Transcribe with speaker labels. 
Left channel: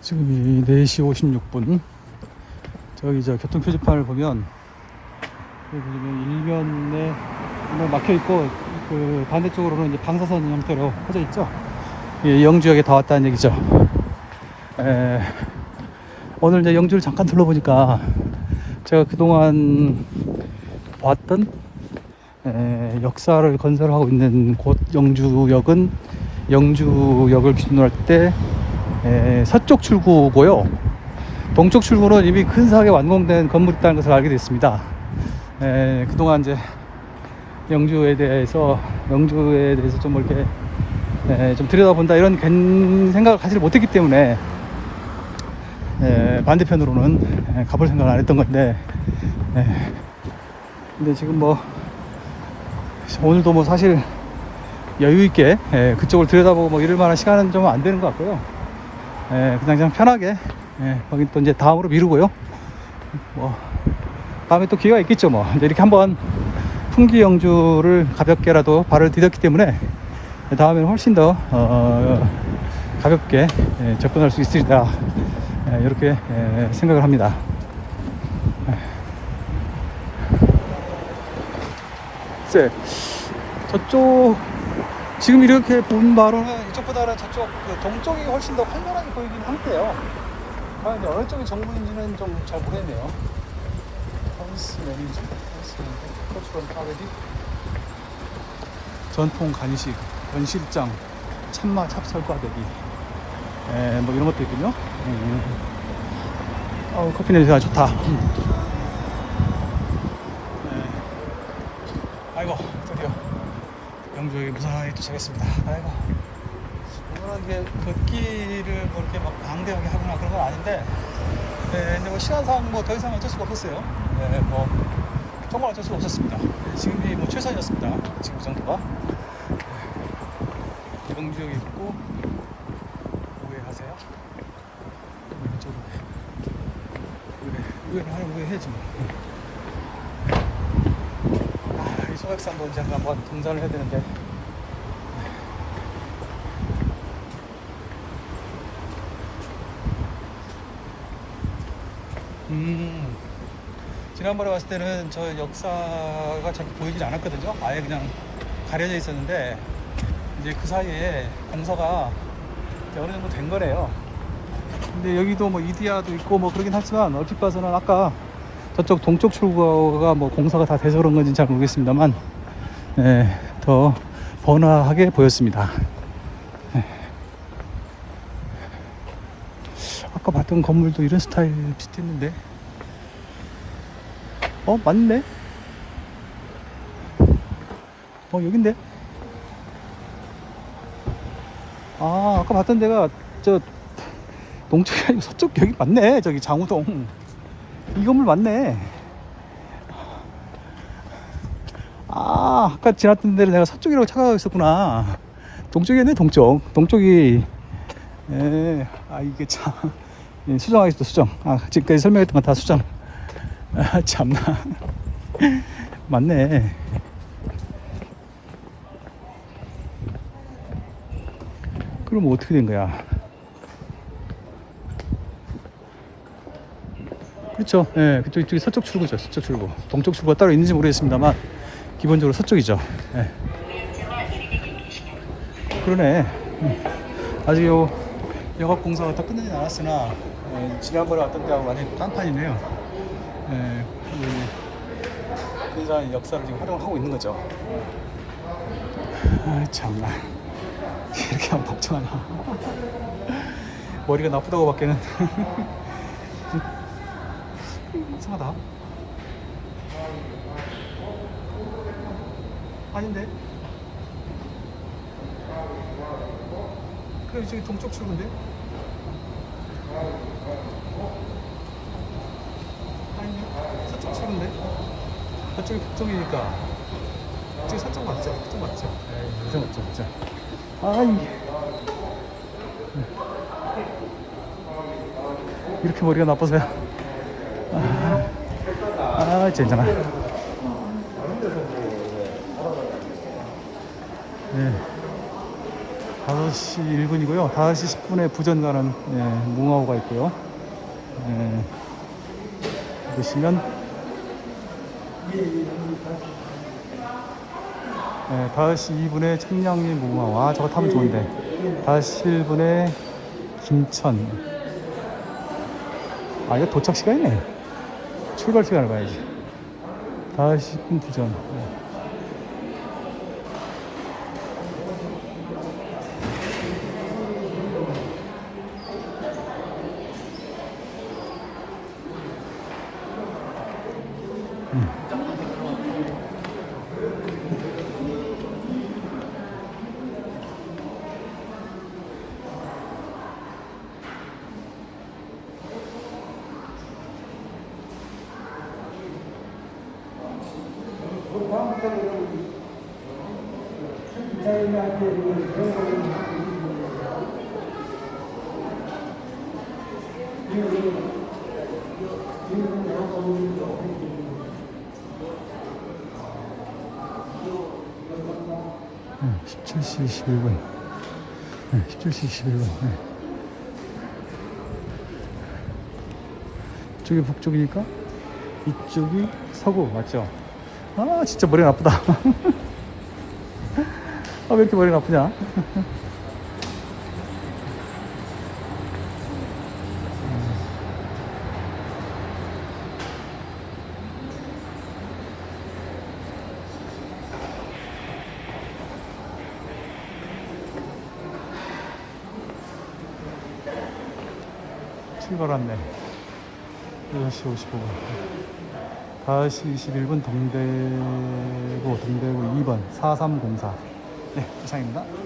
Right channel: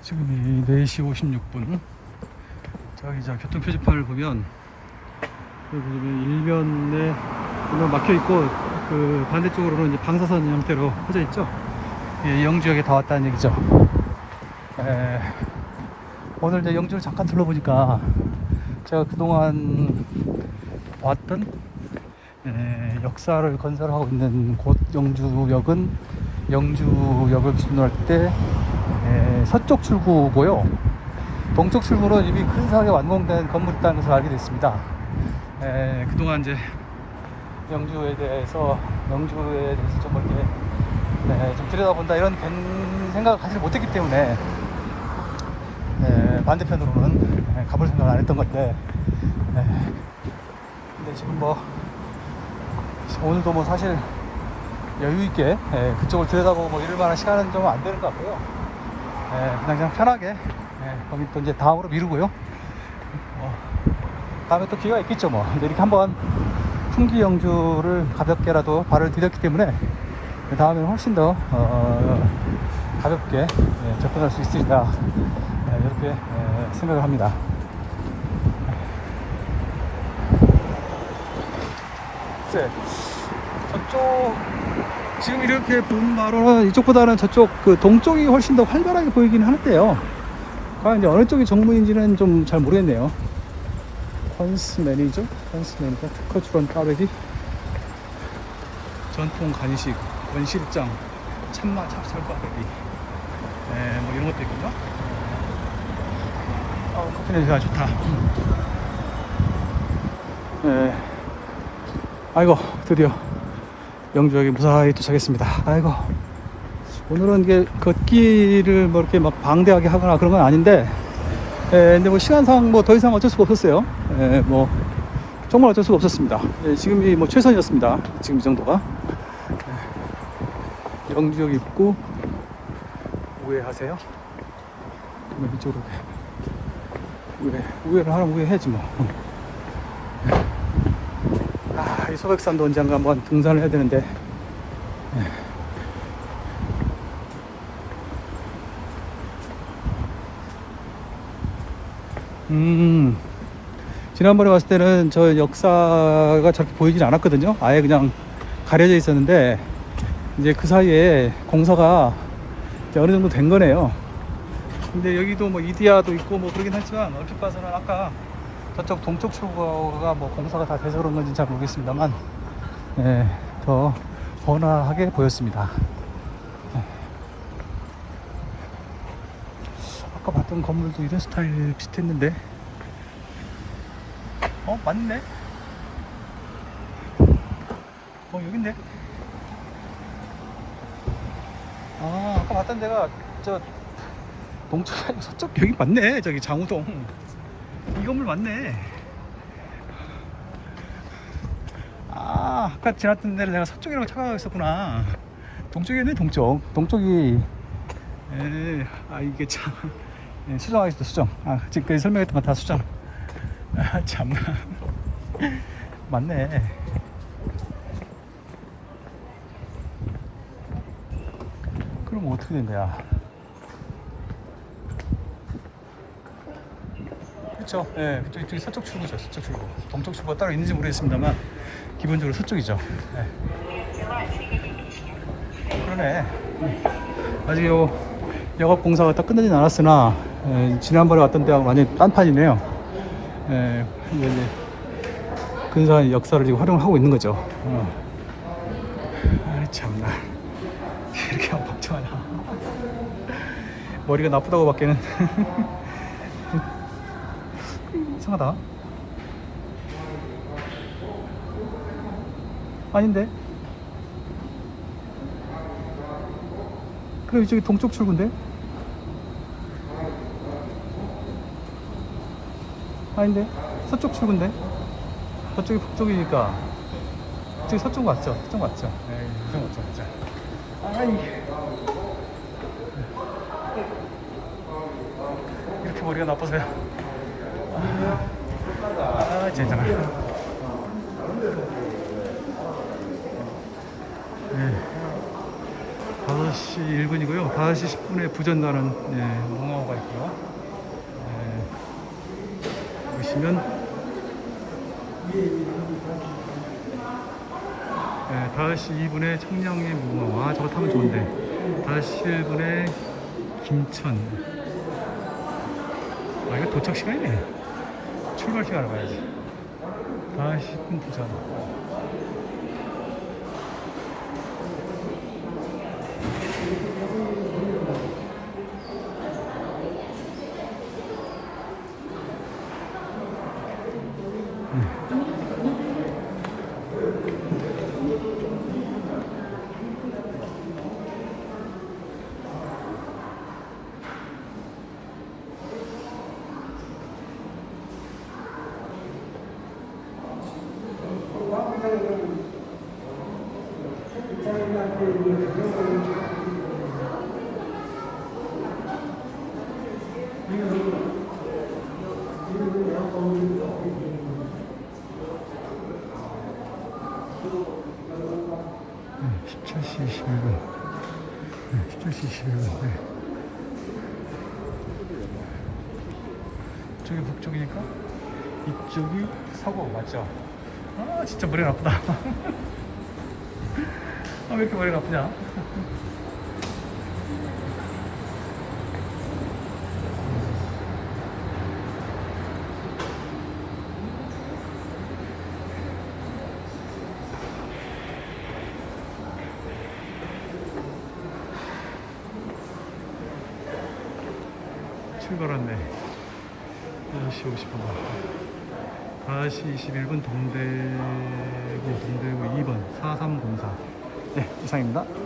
Speaker 1: 지금 4시 56분. 저기 저 교통 표지판을 보면 여기 보면 일면에 보면 막혀 있고 그 반대쪽으로는 이제 방사선 형태로 퍼져 있죠. 예, 영주역에 다 왔다는 얘기죠. 에, 오늘 이제 영주를 잠깐 둘러보니까 제가 그동안 봤던 에, 역사를 건설하고 있는 곳 영주역은 영주역을 기준으로 할 때 서쪽 출구고요. 동쪽 출구는 이미 근사하게 완공된 건물이 있다는 것을 알게 됐습니다. 에, 그동안 이제 영주에 대해서 영주에 대해서 좀 이렇게 에, 좀 들여다본다 이런 괜- 생각을 가지를 못했기 때문에 에, 반대편으로는 에, 가볼 생각을 안 했던 건데 에, 근데 지금 뭐 오늘도 뭐 사실 여유 있게 예, 그쪽을 들여다보고 뭐 이럴 만한 시간은 좀 안 되는 것 같고요. 예, 그냥 좀 편하게 예, 거기 또 이제 다음으로 미루고요. 뭐 다음에 또 기회가 있겠죠 뭐 이렇게 한번 풍기 영주를 가볍게라도 발을 디뎠기 때문에 다음에는 훨씬 더 어, 가볍게 예, 접근할 수 있으리라 예, 이렇게 예, 생각을 합니다. 글쎄 저쪽 지금 이렇게 본 바로는 이쪽보다는 저쪽 그 동쪽이 훨씬 더 활발하게 보이긴 할게요. 아 이제 어느 쪽이 정부인지는 좀 잘 모르겠네요. 헌스 매니저, 헌스 매니저, 코치런 빠르기, 전통 간식, 권실장, 참마 찹쌀 빠르기, 에, 뭐 이런 것도 있군요. 음. 어, 커피 냄새가 좋다. 음. 네. 아이고 드디어 영주역에 무사히 도착했습니다. 아이고 오늘은 이게 걷기를 뭐 이렇게 막 방대하게 하거나 그런 건 아닌데, 에, 근데 뭐 시간상 뭐 더 이상 어쩔 수가 없었어요. 에, 뭐 정말 어쩔 수가 없었습니다. 에, 지금이 뭐 최선이었습니다. 지금 이 정도가 에, 영주역 입구 우회하세요. 뭐 이쪽으로 우회 우회를 하면 우회해야지 뭐. 아, 이 소백산도 언젠가 한번 등산을 해야 되는데. 음, 지난번에 봤을 때는 저 역사가 저렇게 보이진 않았거든요. 아예 그냥 가려져 있었는데, 이제 그 사이에 공사가 어느 정도 된 거네요. 근데 여기도 뭐 이디야도 있고 뭐 그러긴 하지만 봐서는 아까 저쪽 동쪽 출구가 뭐 공사가 다 돼서 그런 건지 잘 모르겠습니다만 네, 더 번화하게 보였습니다. 네. 아까 봤던 건물도 이런 스타일 비슷했는데. 어 맞네. 어 여긴데. 아 아까 봤던 데가 저 동쪽이 아니고 서쪽 여기 맞네. 저기 장우동 이 건물 맞네. 아, 아까 지났던 데를 내가 서쪽이라고 찾아가고 있었구나. 동쪽이네, 동쪽. 동쪽이, 에, 아, 이게 참. 예, 수정하겠다, 수정. 아, 지금까지 설명했던 거다 수정. 아, 참나. 맞네. 그럼 어떻게 된 거야? 그렇죠. 예, 그쪽 이쪽이 서쪽 출구죠. 서쪽 출구. 동쪽 출구가 따로 있는지 모르겠습니다만 기본적으로 서쪽이죠. 예. 그러네. 음. 아직 요 영업 공사가 다 끝나진 않았으나 예, 지난번에 왔던 데와 완전히 딴판이네요. 예, 이제 근사한 역사를 지금 활용을 하고 있는 거죠. 음. 아 참나 이렇게 하면 걱정하냐. 머리가 나쁘다고 밖에는 이상하다. 아닌데? 그래 저기 동쪽 출구인데? 아닌데? 서쪽 출구인데? 저쪽이 북쪽이니까 저기 서쪽 맞죠? 서쪽 맞죠? 에이 무슨 맞죠 맞죠? 아이 이렇게 머리가 나쁘세요? 아, 진짜. 네. 아, 5시 1분이고요. 5시 10분에 부전 가는 예, 뭉하우가 있고요. 예, 보시면 예, 5시 2분에 청량리 뭉하우. 아, 저거 타면 좋은데. 5시 1분에 김천. 아, 이거 도착 시간이네. 출발 시간 봐야지. 5시 10분 부전. 17시 21분. 네, 17시 21분. 네. 이쪽이 북쪽이니까 이쪽이 서구 맞죠? 아 진짜 머리가 아프다. 아 왜 이렇게 머리가 아프냐? 출발 왔네. 10시 55분. 5시 21분 동대구, 동대구 2번 4304. 네, 이상입니다.